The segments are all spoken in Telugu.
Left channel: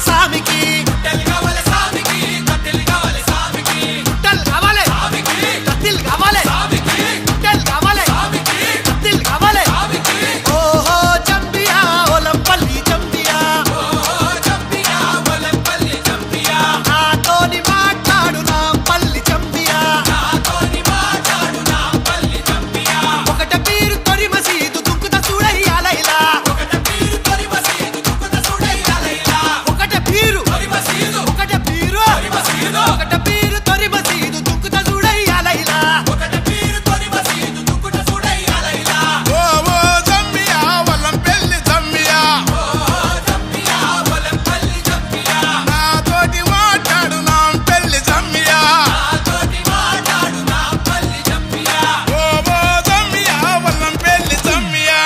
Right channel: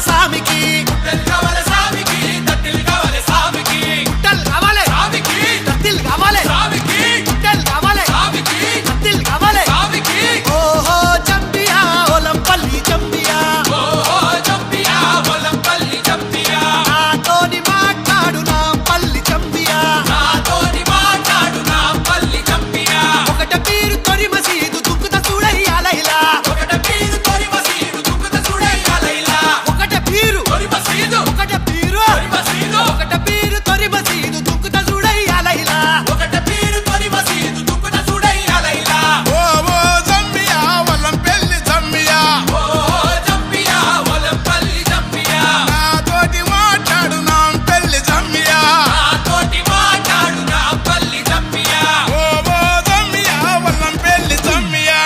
కావాలి సామికి గుట్టలు కావాలి కత్తిలు కావాలి గుట్టలు కావాలి కత్తిలు కావాలి ఓహో చంపియా ఒలంపల్లి చంపియా నాతోని మాట్లాడు నా పల్లి చంపియా ఒకట పీరు తొరి మసీదు దుంకుత చూడయ్యాలైలా ఒకట పీరు తొరి మసీదు దుంకుత చూడయ్యాలైలా ఓ ఓ జమ్మియా వల్లంపల్లి జమ్మియా నాతోటి మాట్లాడు నా పెళ్లి జమ్మియా ఓ ఓ జమ్మియా వల్లంపల్లి జమ్మియా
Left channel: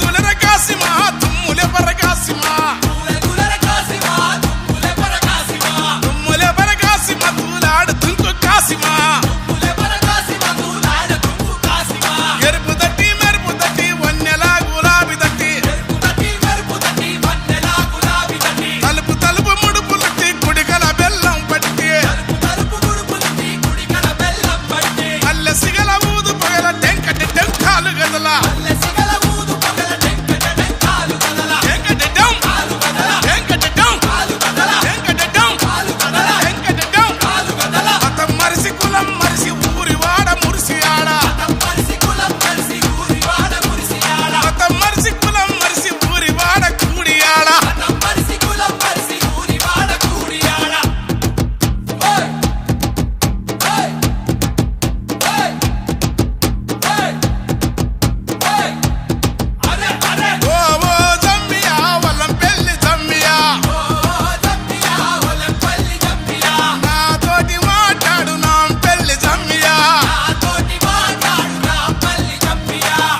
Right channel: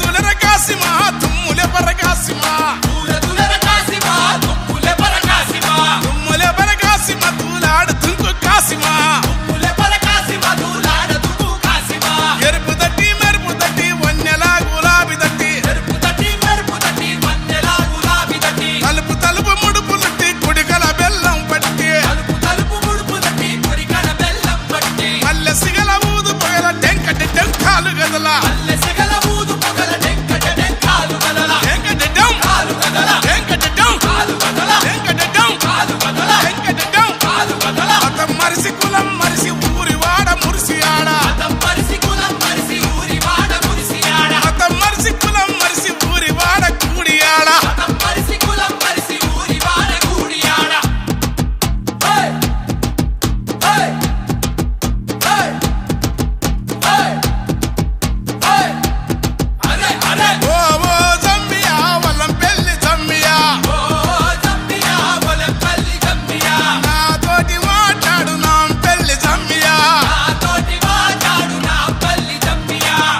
తులె కాసిమా తుమ్ములే పరకాసిమా తుమ్ములే పరకాసిమా తూలాడు తుంకు కాసిమా ఎరుపు తట్టి మెరుపు తట్టి వన్నెలా గులాబీ తట్టి తలుపు తలుపు ముడుపు తట్టి కుడికల బెల్లం పట్టి మల్లె సిగల ఊదు పగల టెంకటి టెంకాలు గదల మరిసి కులం మరిసి ఊరి వాడ మురిసి ఆడ మతం మరిసి కులం మరిసి ఊరి వాడ కూడి ఆడ ఓ ఓ జమ్మియా వల్లంపల్లి జమ్మియా నాతోటి మాట్లాడు నా పెళ్లి జమ్మియా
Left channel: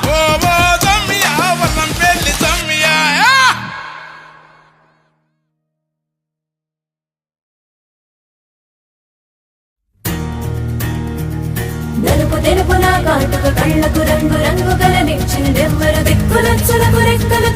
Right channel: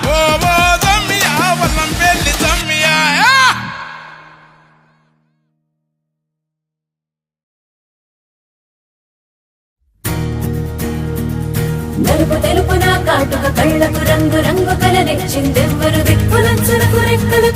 ఓ ఓ జమ్మియా వల్లంపల్లి జమ్మియా నలుపు తెలుపు నా కాటుక కళ్ళకు రంగు రంగు గల నిచ్చిందెవ్వరు దిక్కులంచులకు రెక్కలు